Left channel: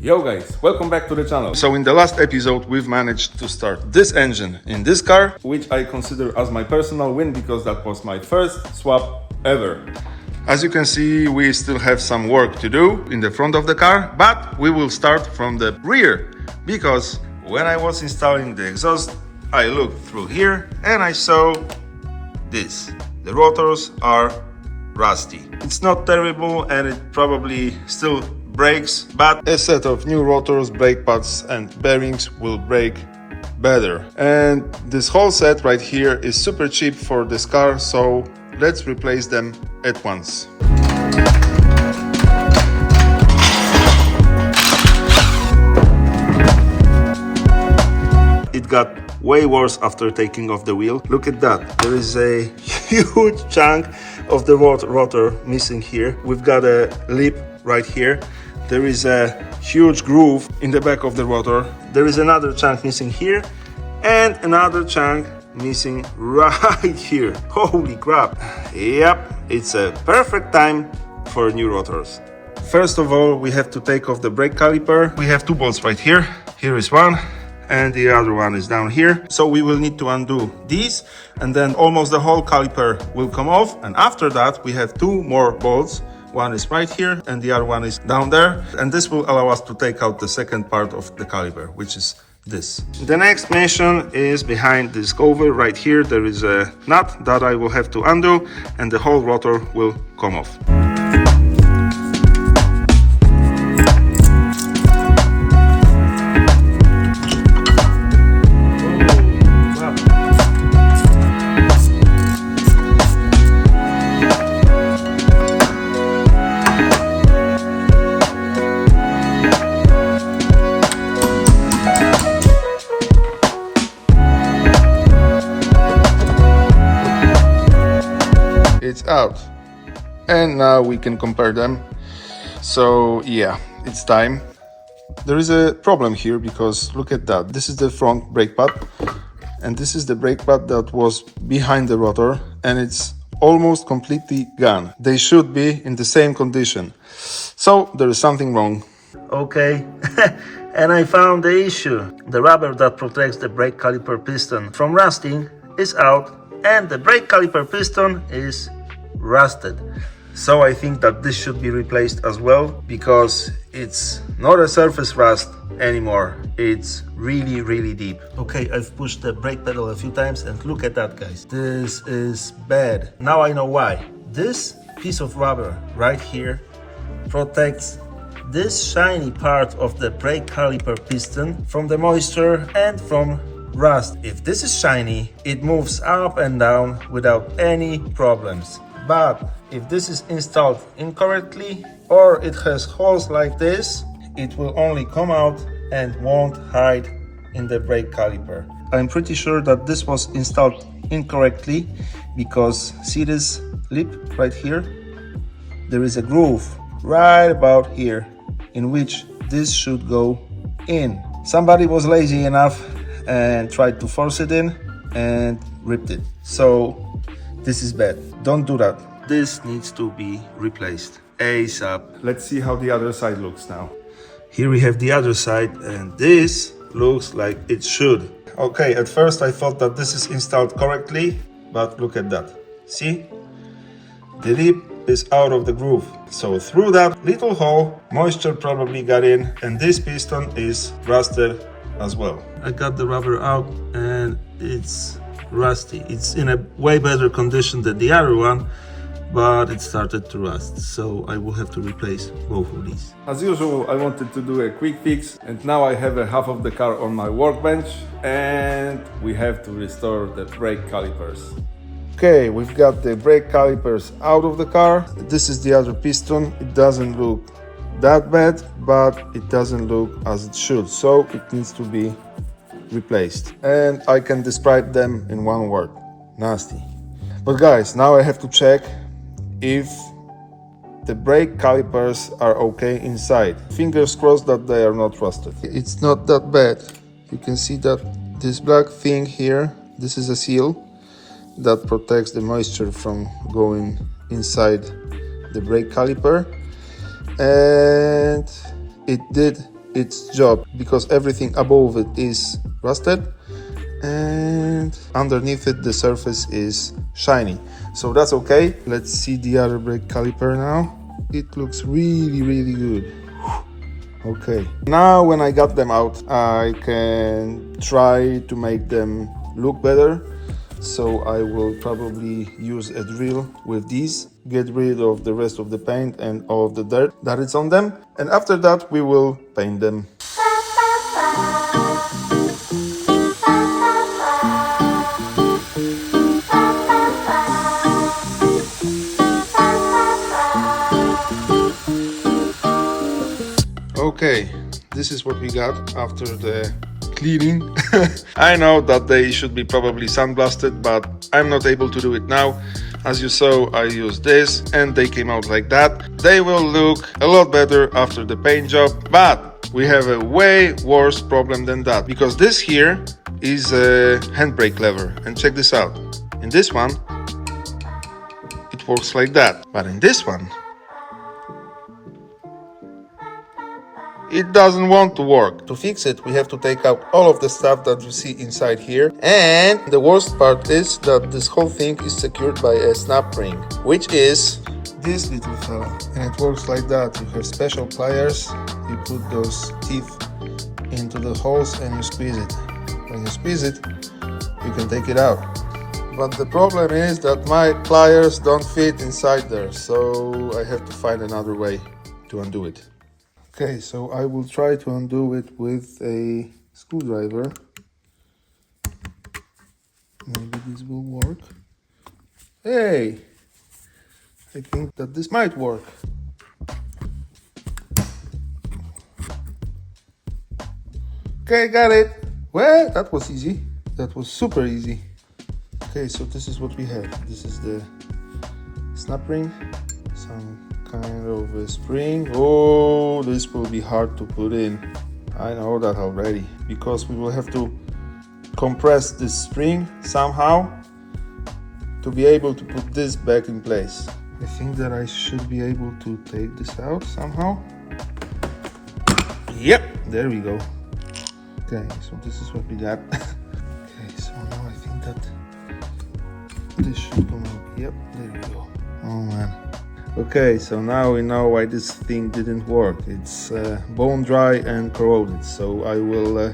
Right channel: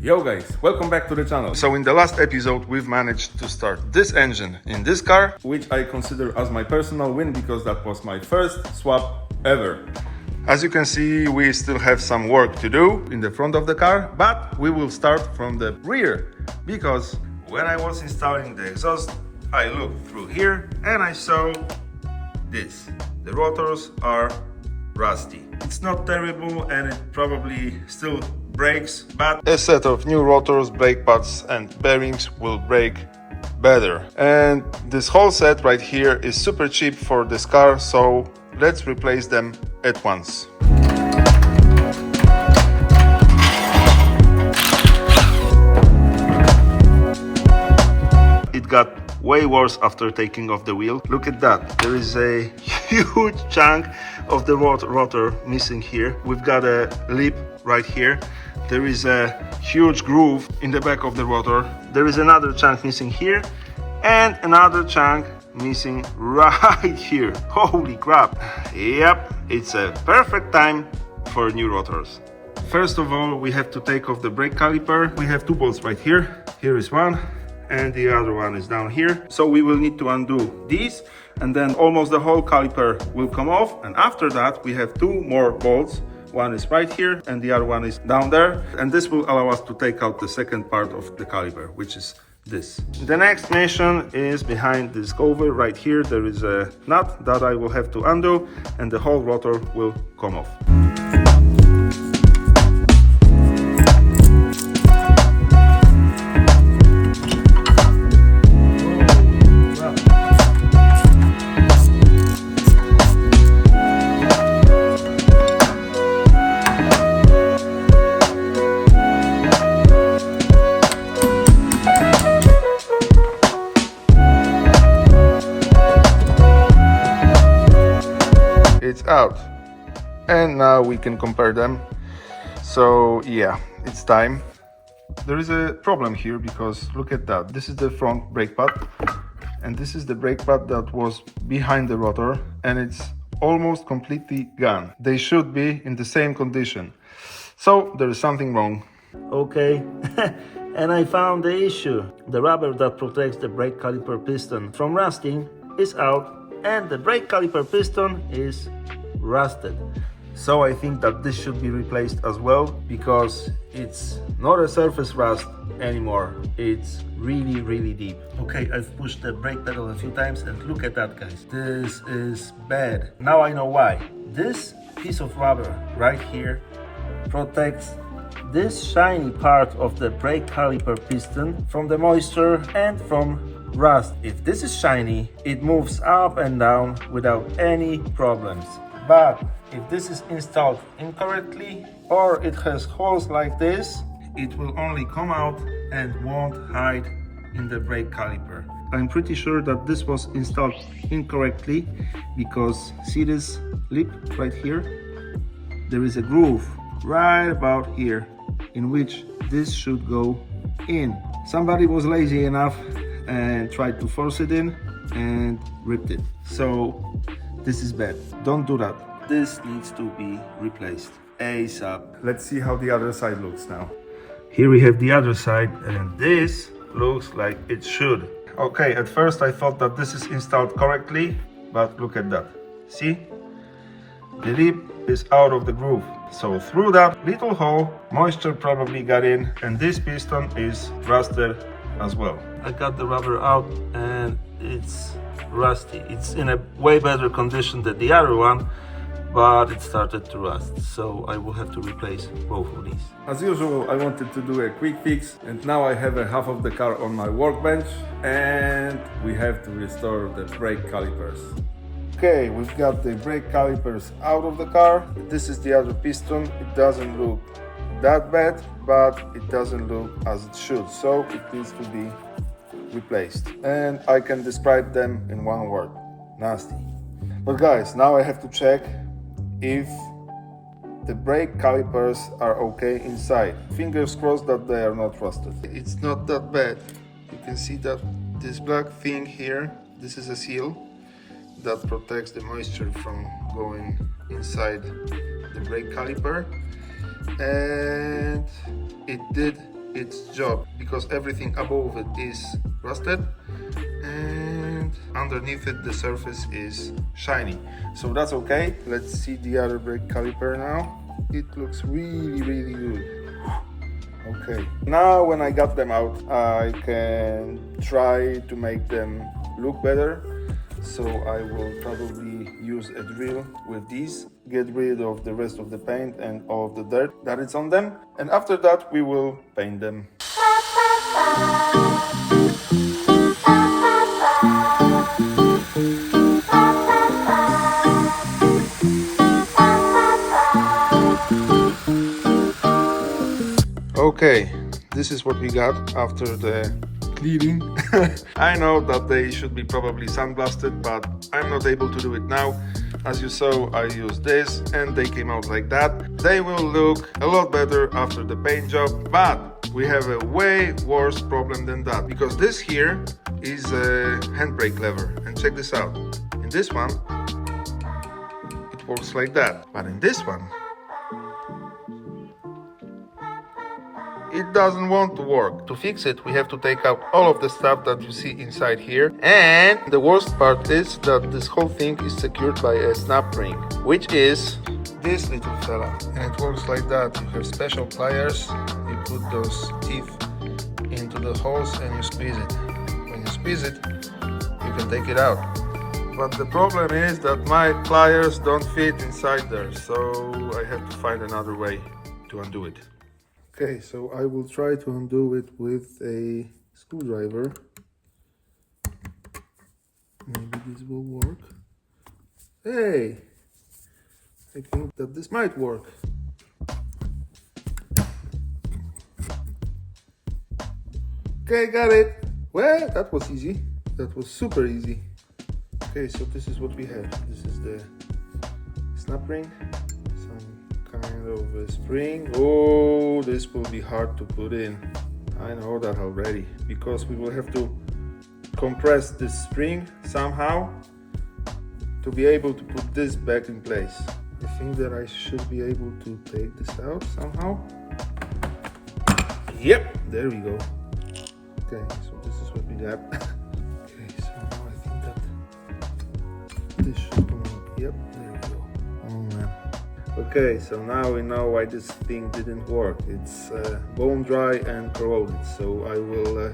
Yo guys, welcome back to the channel. So in the last episode we've managed to start this engine in this car, which I consider as my personal win because that was my first swap ever. As you can see, we still have some work to do in the front of the car, but we will start from the rear because when I was installing the exhaust, I looked through here and I saw this. The rotors are rusty. It's not terrible and it probably still brakes, but a set of new rotors, brake pads and bearings will brake better. And this whole set right here is super cheap for this car, so let's replace them at once. It got way worse after taking off the wheel. Look at that, there is a huge chunk of the rotor missing here. We've got a lip right here. There is a huge groove in the back of the rotor. There is another chunk missing here and another chunk missing right here. Holy crap. Yep, it's a perfect time for new rotors. First of all, we have to take off the brake caliper. We have two bolts right here. Here is one and the other one is down here. So we will need to undo these and then almost the whole caliper will come off. And after that, we have two more bolts. One is right here and the other one is down there. And this will allow us to take out the second part of the caliper, which is this. The next mission is behind this cover right here. There is a nut that I will have to undo and the whole rotor will come off. It's out and now we can compare them. So yeah, it's time. There is a problem here because look at that. This is the front brake pad and this is the brake pad that was behind the rotor and it's almost completely gone. They should be in the same condition, so there is something wrong. Okay. And I found the issue. The rubber that protects the brake caliper piston from rusting is out and the brake caliper piston is rusted. So I think that this should be replaced as well because it's not a surface rust anymore. It's really deep. Okay, I've pushed the brake pedal a few times and look at that, guys. This is bad. Now I know why. This piece of rubber right here protects this shiny part of the brake caliper piston from the moisture and from rust. If this is shiny, it moves up and down without any problems. But if this is installed incorrectly or it has holes like this, it will only come out and won't hide in the brake caliper. I'm pretty sure that this was installed incorrectly because see this lip right here? There is a groove right about here in which this should go in. Somebody was lazy enough and tried to force it in and ripped it. So this is bad. Don't do that. This needs to be replaced ASAP. Let's see how the other side looks now. Here we have the other side and this looks like it should. Okay, at first I thought that this is installed correctly, but look at that. See? The lip is out of the groove. So through that little hole, moisture probably got in and this piston is rusted as well. I got the rubber out and it's rusty. It's in a way better condition than the other one, but it started to rust, so I will have to replace both of these. As usual, I wanted to do a quick fix and now I have a half of the car on my workbench and we have to restore the brake calipers. Okay, we've got the brake calipers out of the car. This is the other piston. It doesn't look that bad, but it doesn't look as it should, so it needs to be replaced. And I can describe them in one word: nasty. But guys, now I have to check if the brake calipers are okay inside. Fingers crossed that they are not rusted. It's not that bad. You can see that this black thing here, this is a seal that protects the moisture from going inside the brake caliper, and it did its job because everything above it is rusted and underneath it the surface is shiny, so that's okay. Let's see the other brake caliper now. It looks really good. Okay, now when I got them out, I can try to make them look better. So I will probably use a drill with these, get rid of the rest of the paint and all of the dirt that is on them, and after that we will paint them. Okay, this is what we got after the cleaning. I know that they should be probably sandblasted, but I'm not able to do it now. As you saw, I used this and they came out like that. They will look a lot better after the paint job, but we have a way worse problem than that, because this here is a handbrake lever, and check this out. In this one it works like that, but in this one it doesn't want to work. To fix it, we have to take out all of the stuff that you see inside here. And the worst part is that this whole thing is secured by a snap ring, which is this little fella. And it works like that. You have special pliers. You put those teeth into the holes and you squeeze it. When you squeeze it, you can take it out. But the problem is that my pliers don't fit inside there. So I have to find another way to undo it. Okay, so I will try to undo it with a screwdriver. Maybe this will work. Hey! I think that this might work. Okay, got it. Well, that was easy. That was super easy. Okay, so this is what we have. This is the snap ring. Kind of a spring. Oh, this will be hard to put in. I know that already, because we will have to compress this spring somehow to be able to put this back in place. I think that I should be able to take this out somehow. Yep, there we go. Okay, so this is what we got. Okay, so now I think that this should come out. Yep, there we go. Oh man. Okay, so now we know why this thing didn't work. It's bone dry and corroded. So I will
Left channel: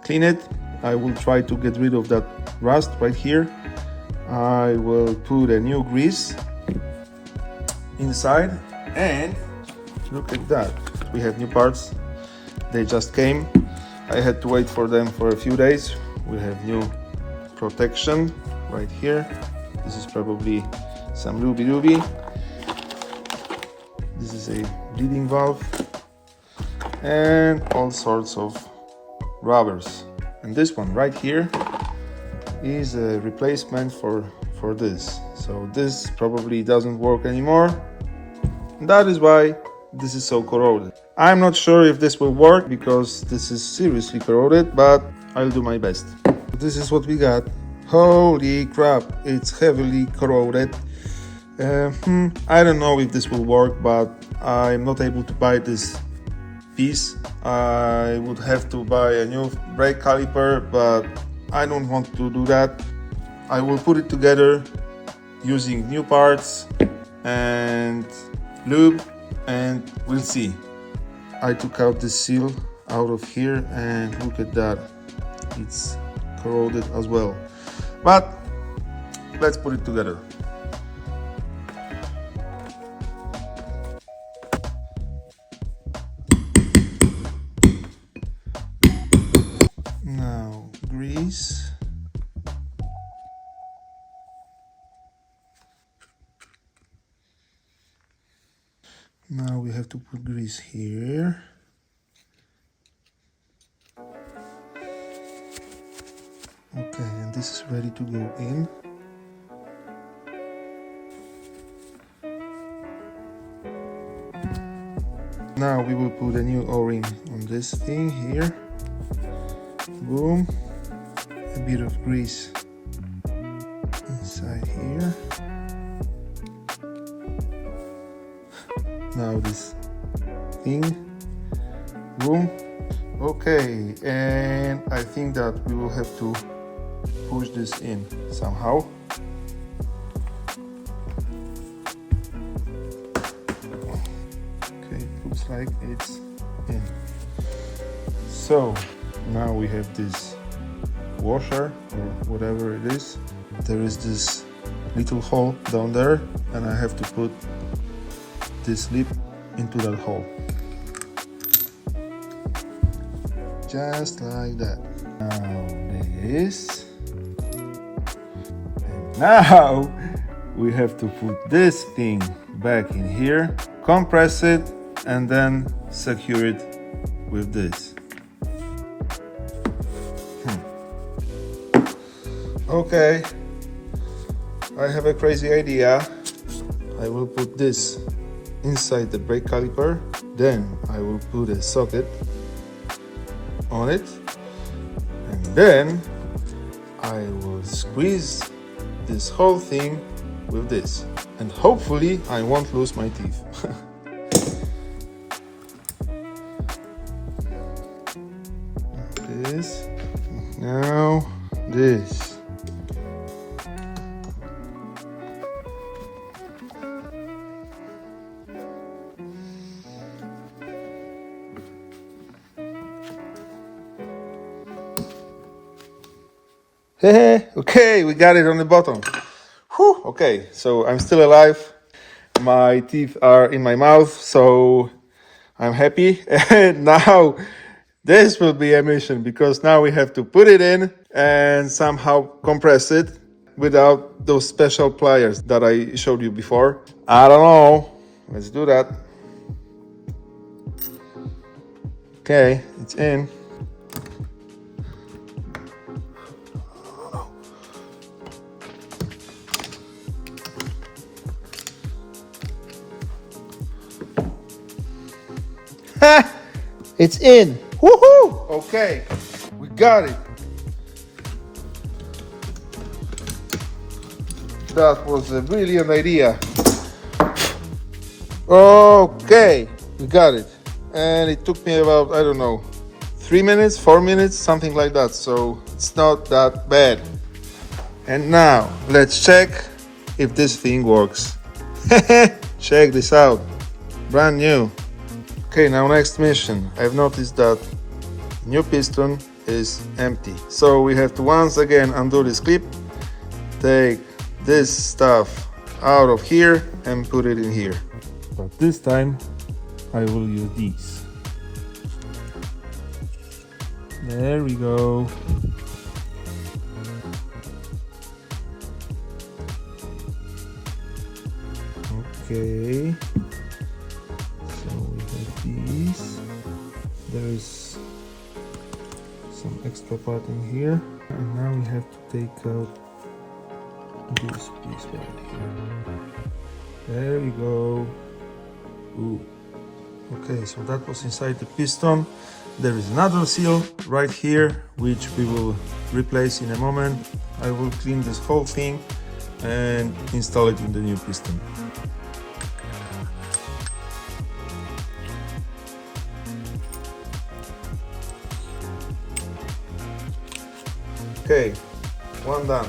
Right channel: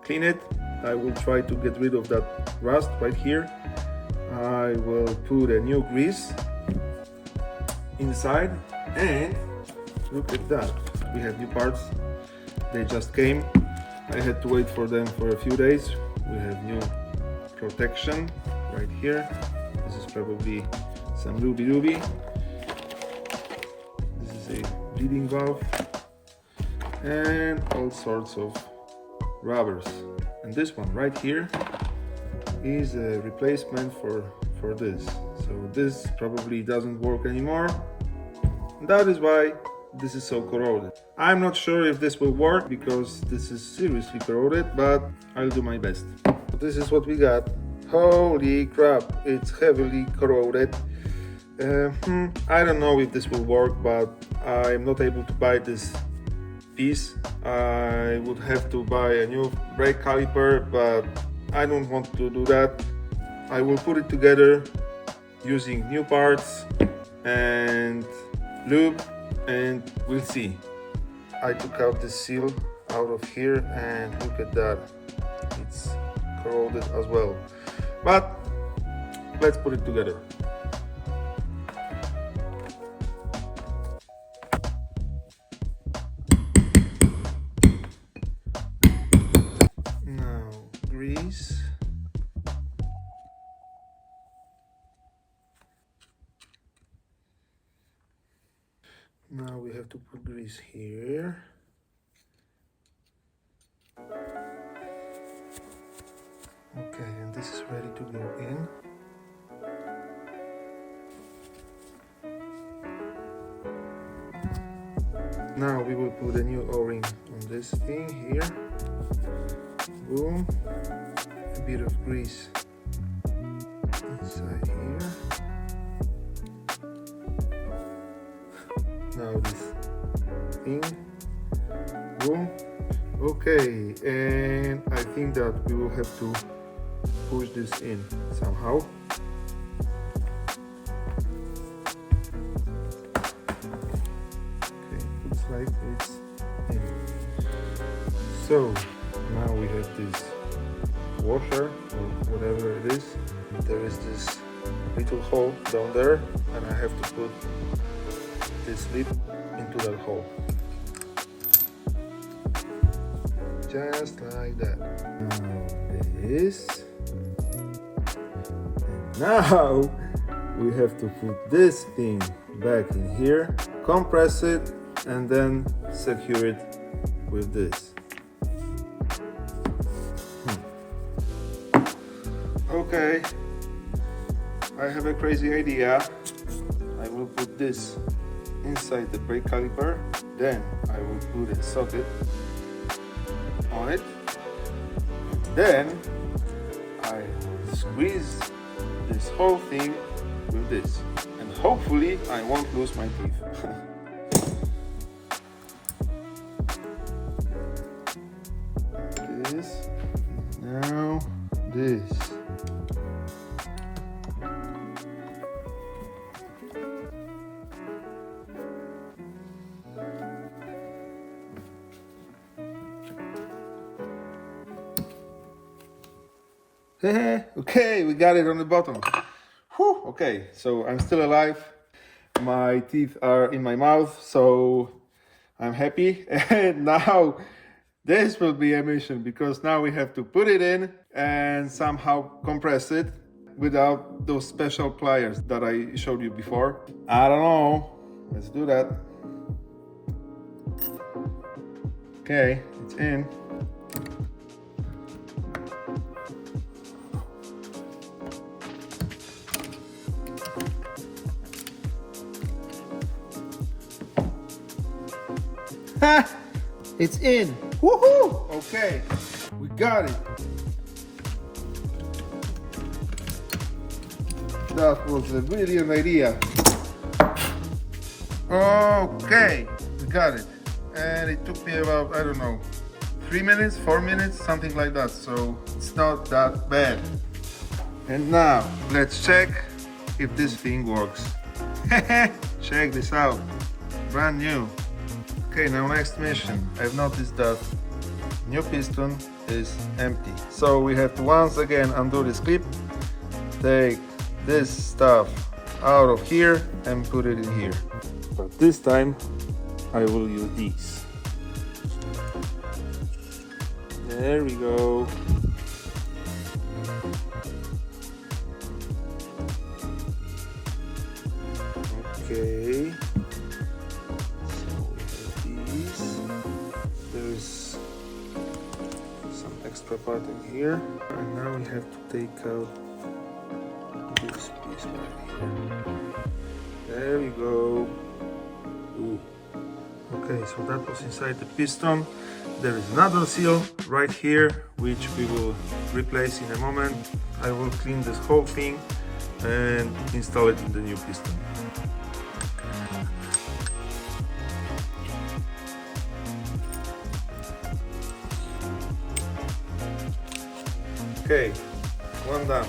clean it. I will try to get rid of that rust right here. I will put a new grease inside, and look at that. We have new parts. They just came. I had to wait for them for a few days. We have new protection right here. This is probably some ruby. This is a bleeding valve and all sorts of rubbers. And this one right here is a replacement for this. So this probably doesn't work anymore. That is why this is so corroded. I'm not sure if this will work because this is seriously corroded, but I'll do my best. This is what we got. Holy crap, it's heavily corroded. I don't know if this will work, but I'm not able to buy this piece. I would have to buy a new brake caliper, but I don't want to do that. I will put it together using new parts and lube, and we'll see. I took out the seal out of here and look at that. It's corroded as well. But let's put it together. Now grease. Now we have to put grease here. Okay, and this is ready to go in. Now we will put a new O-ring on this thing here. Boom. A bit of grease inside here. Now this thing room. Okay, and I think that we will have to push this in somehow. Okay, looks like it's in. So now we have this washer or whatever it is. There is this little hole down there, and I have to put this lip into that hole. Just like that. Now this. And now we have to put this thing back in here, compress it, and then secure it with this. Okay, I have a crazy idea. I will put this inside the brake caliper, then I will put a socket on it, and then I will squeeze this whole thing with this, and hopefully I won't lose my teeth. This, now this. Okay, we got it on the bottom. Whew, okay, so I'm still alive. My teeth are in my mouth, so I'm happy. And now this will be a mission, because now we have to put it in and somehow compress it without those special pliers that I showed you before. I don't know. Let's do that. Okay, it's in. It's in. Woohoo! Okay, we got it. That was a brilliant idea. Okay, we got it. And it took me about, I don't know, 3 minutes, 4 minutes, something like that. So it's not that bad. And now let's check if this thing works. Check this out. Brand new. Okay, now next mission. I've noticed that new piston is empty. So we have to once again undo this clip, take this stuff out of here and put it in here. But this time I will use these. There we go. Okay. There's some extra part in here, and now we have to take out this piece right here. There we go. Ooh. Okay, so that was inside the piston. There is another seal right here, which we will replace in a moment. I will clean this whole thing and install it in the new piston. Okay, one done.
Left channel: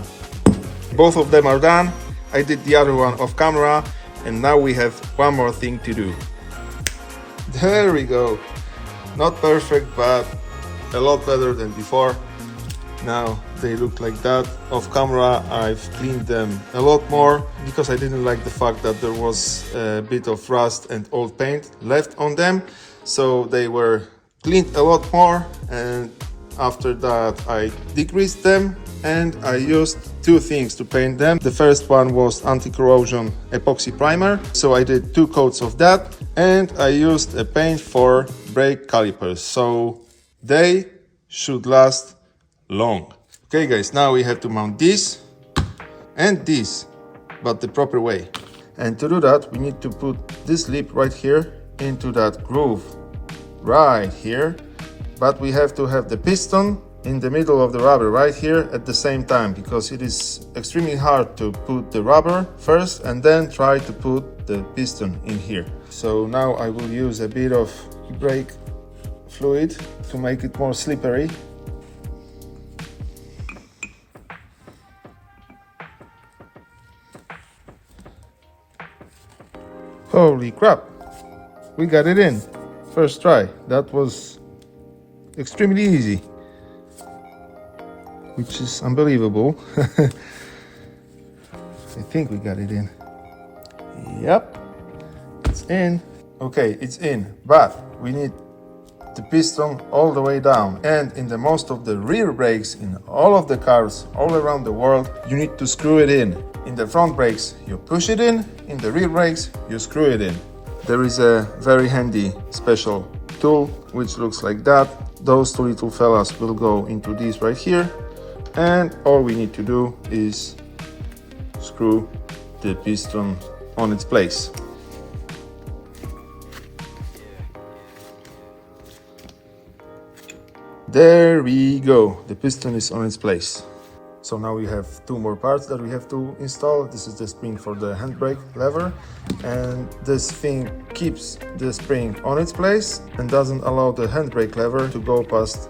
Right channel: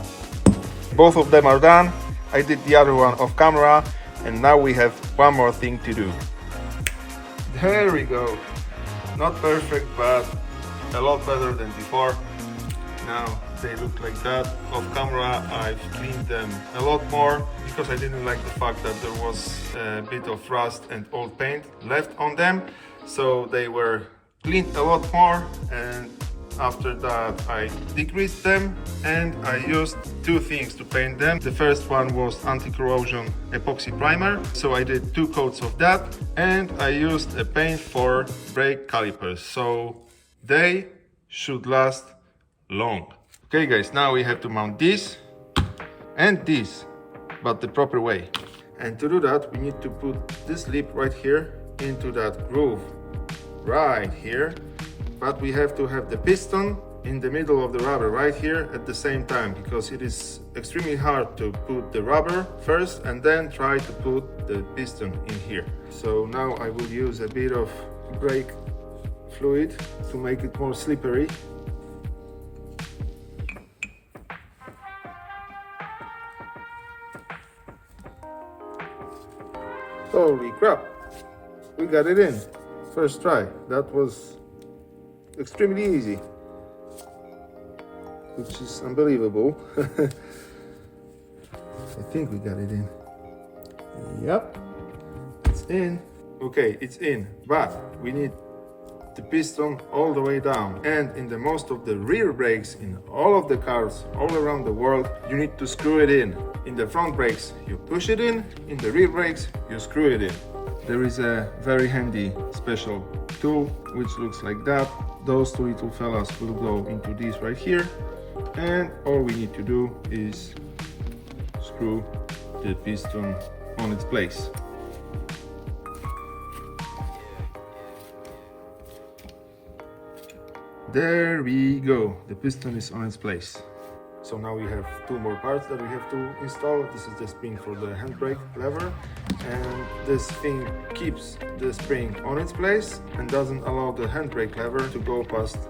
Both of them are done. I did the other one off camera, and now we have one more thing to do. There we go. Not perfect, but a lot better than before. Now they look like that. Off camera I've cleaned them a lot more, because I didn't like the fact that there was a bit of rust and old paint left on them. So they were cleaned a lot more, and after that I degreased them, and I used two things to paint them. The first one was anti-corrosion epoxy primer, so I did 2 coats of that, and I used a paint for brake calipers, so they should last long. Okay guys, now we have to mount this and this, but the proper way. And to do that we need to put this lip right here into that groove right here. But we have to have the piston in the middle of the rubber right here at the same time, because it is extremely hard to put the rubber first and then try to put the piston in here. So now I will use a bit of brake fluid to make it more slippery. Holy crap! We got it in. First try. That was extremely easy, which is unbelievable. I think we got it in. Yep, it's in. Okay, it's in, but we need the piston all the way down. And in the most of the rear brakes in all of the cars all around the world, you need to screw it in. In the front brakes, you push it in the rear brakes, you screw it in. There is a very handy special tool which looks like that. Those two little fellas will go into this right here, and all we need to do is screw the piston on its place. There we go, the piston is on its place. So now we have two more parts that we have to install. This is the spring for the handbrake lever, and this thing keeps the spring on its place and doesn't allow the handbrake lever to go past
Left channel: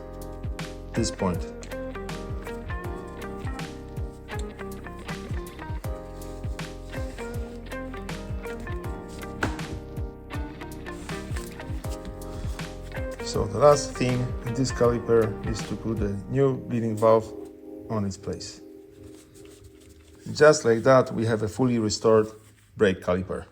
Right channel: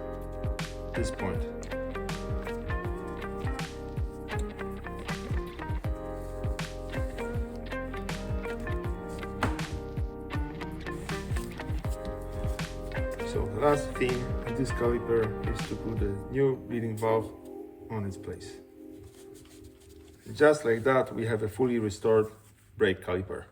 this point. So the last thing in this caliper is to put the new bleeding valve on its place. Just like that, we have a fully restored brake caliper.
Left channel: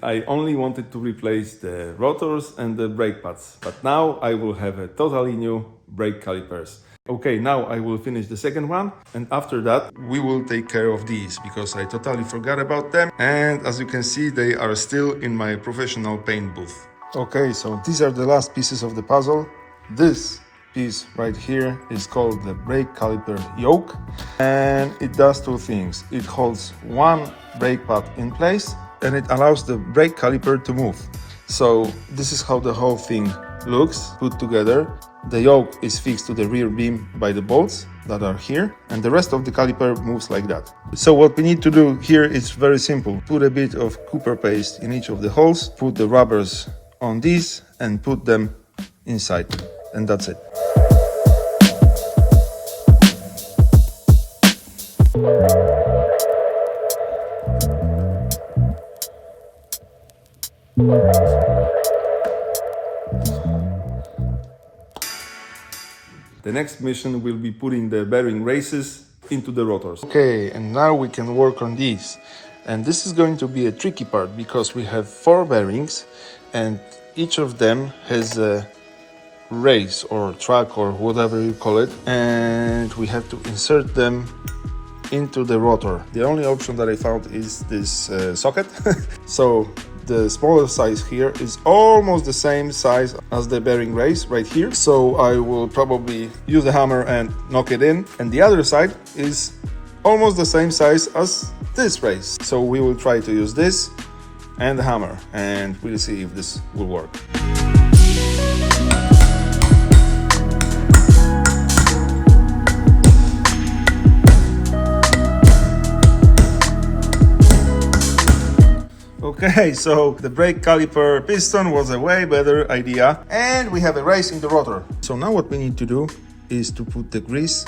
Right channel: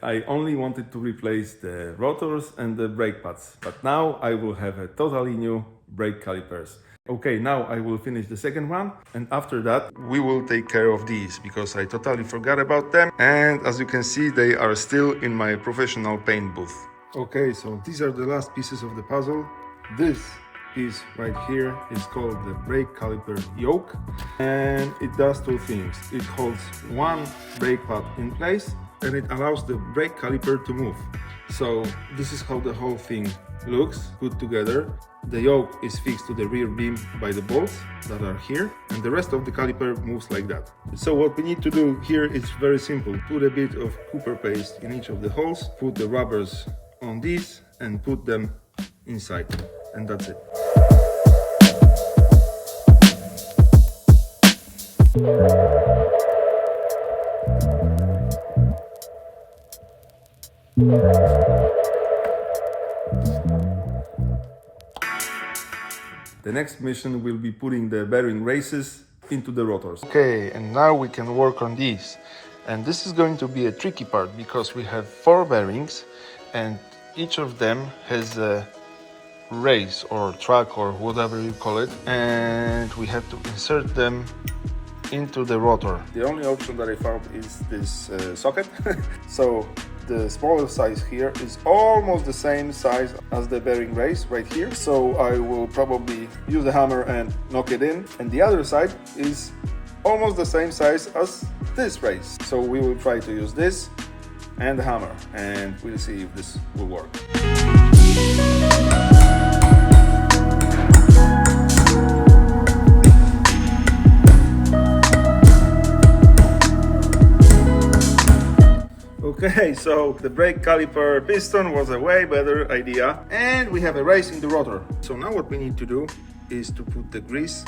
I only wanted to replace the rotors and the brake pads, but now I will have a totally new brake calipers. Okay, now I will finish the second one, and after that We will take care of these because I totally forgot about them, and as you can see, they are still in my professional paint booth. Okay, so these are the last pieces of the puzzle. This piece right here is called the brake caliper yoke, and it does two things. It holds one brake pad in place and it allows the brake caliper to move. So this is how the whole thing looks put together. The yoke is fixed to the rear beam by the bolts that are here, and the rest of the caliper moves like that. So what we need to do here is very simple. Put a bit of copper paste in each of the holes, put the rubbers on these and put them inside, and that's it. the next mission will be putting the bearing races into the rotors. Okay, and now we can work on these. And this is going to be a tricky part because we have 4 bearings and each of them has a race or track or whatever you call it, and we have to insert them into the rotor. The only option that I found is this socket. So the smaller size here is almost the same size as the bearing race right here. So I will probably use the hammer and knock it in. And the other side is almost the same size as this race. So we will try to use this and the hammer, and we'll see if this will work. Okay, so the brake caliper piston was a way better idea, and we have a race in the rotor. So now what we need to do is to put the grease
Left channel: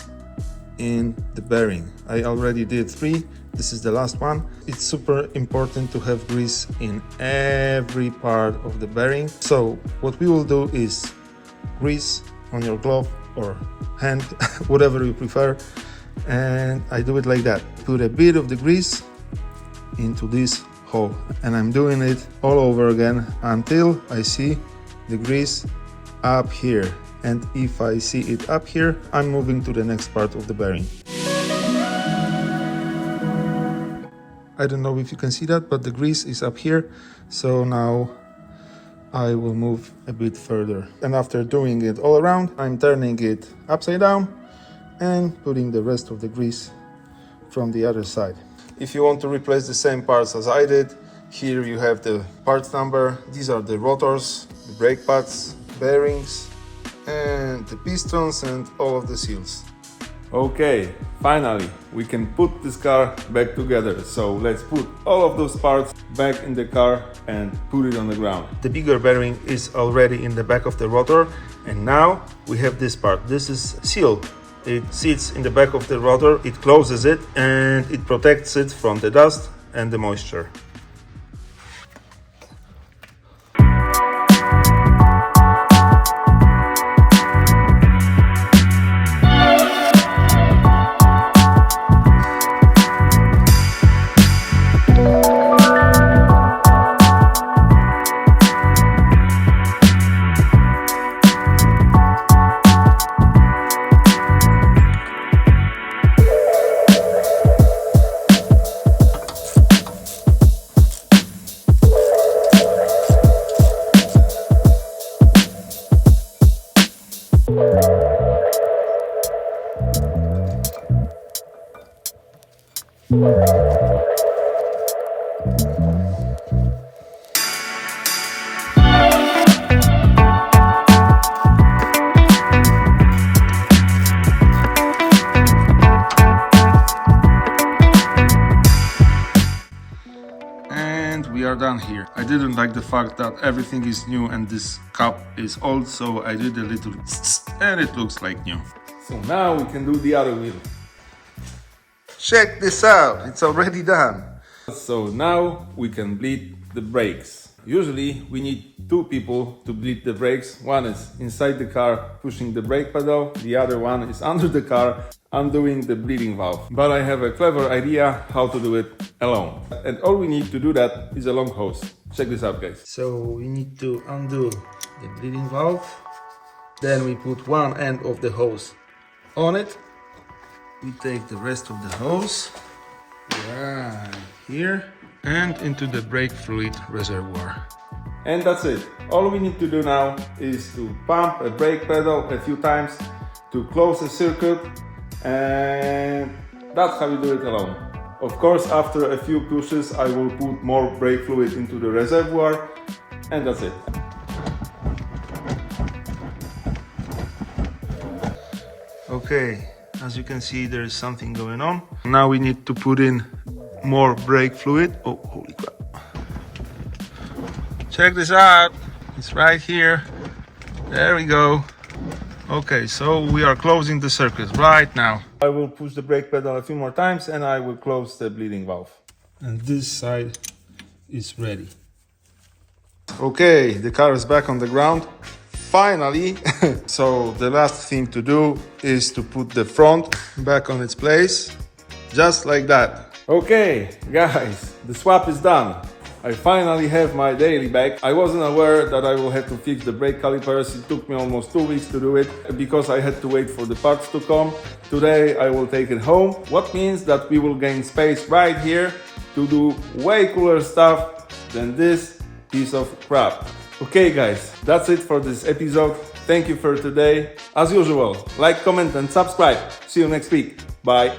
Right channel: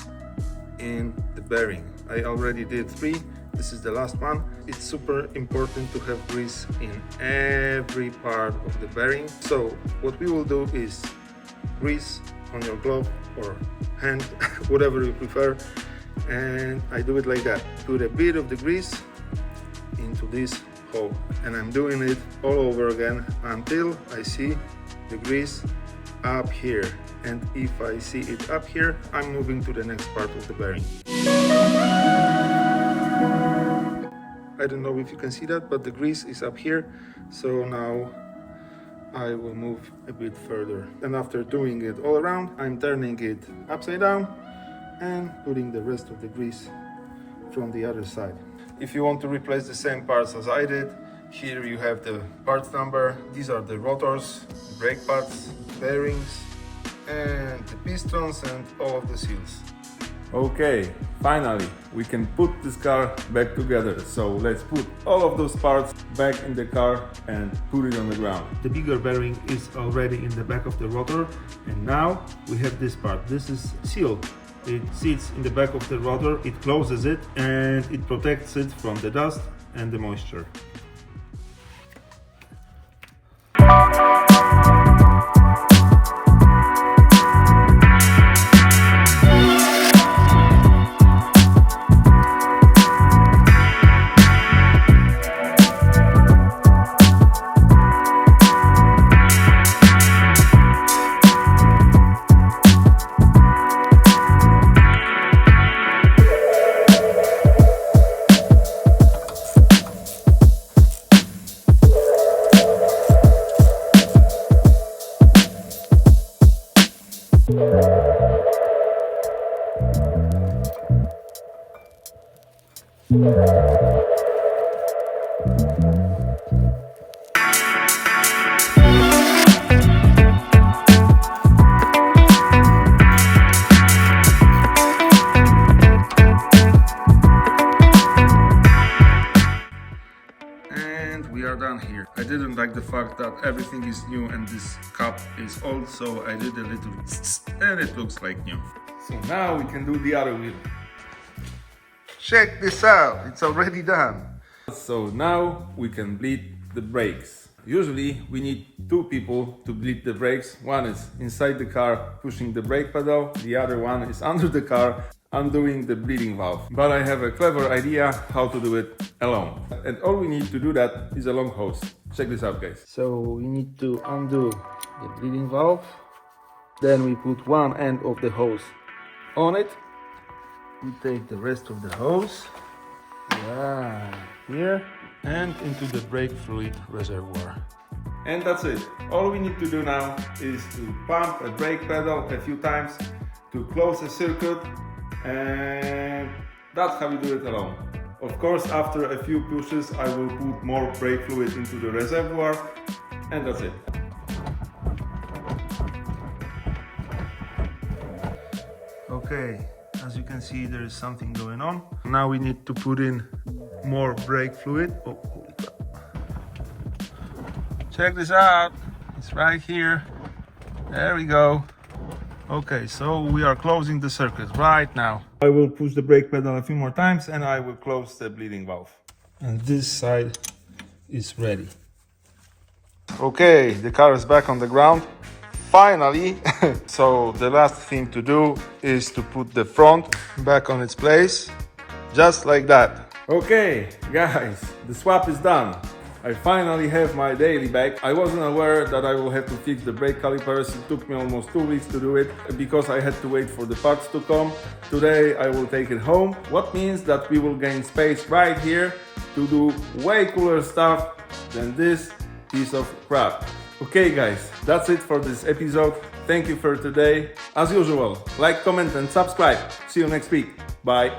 in the bearing. I already did 3. This is the last one. It's super important to have grease in every part of the bearing. So what we will do is grease on your glove or hand, whatever you prefer, and I do it like that. Put a bit of the grease into this hole, and I'm doing it all over again until I see the grease up here. And if I see it up here, I'm moving to the next part of the bearing. I don't know if you can see that, but the grease is up here. So now I will move a bit further. And after doing it all around, I'm turning it upside down and putting the rest of the grease from the other side. If you want to replace the same parts as I did, here you have the part number. These are the rotors, the brake pads, bearings, and the pistons and all of the seals. Okay, finally, we can put this car back together. So let's put all of those parts back in the car and put it on the ground. The bigger bearing is already in the back of the rotor, and now we have this part. This is sealed. It sits in the back of the rotor, it closes it, and it protects it from the dust and the moisture. And we are done here. I didn't like the fact that everything is new and this cup is old, so I did a little and it looks like new. So now we can do the other wheel. Check this out, it's already done. So now we can bleed the brakes. Usually we need two people to bleed the brakes. One is inside the car pushing the brake pedal, the other one is under the car undoing the bleeding valve. But I have a clever idea how to do it alone. And all we need to do that is a long hose. Check this out, guys. So we need to undo the bleeding valve. Then we put one end of the hose on it. We take the rest of the hose right here and into the brake fluid reservoir. And that's it. All we need to do now is to pump a brake pedal a few times to close the circuit, and that's how we do it alone. Of course, after a few pushes I will put more brake fluid into the reservoir, and that's it. Okay, as you can see, there is something going on. Now we need to put in more brake fluid. Oh, holy crap. Check this out. It's right here. There we go. Okay, so we are closing the circuit right now. I will push the brake pedal a few more times and I will close the bleeding valve. And this side is ready. Okay, the car is back on the ground. Finally. So the last thing to do is to put the front back on its place. Just like that. Okay, guys, the swap is done. I finally have my daily back. I wasn't aware that I will have to fix the brake calipers. It took me almost 2 weeks to do it because I had to wait for the parts to come. Today I will take it home, what means that we will gain space right here to do way cooler stuff than this piece of crap. Okay guys, that's it for this episode. Thank you for today. As usual, like, comment and subscribe. See you next week. Bye.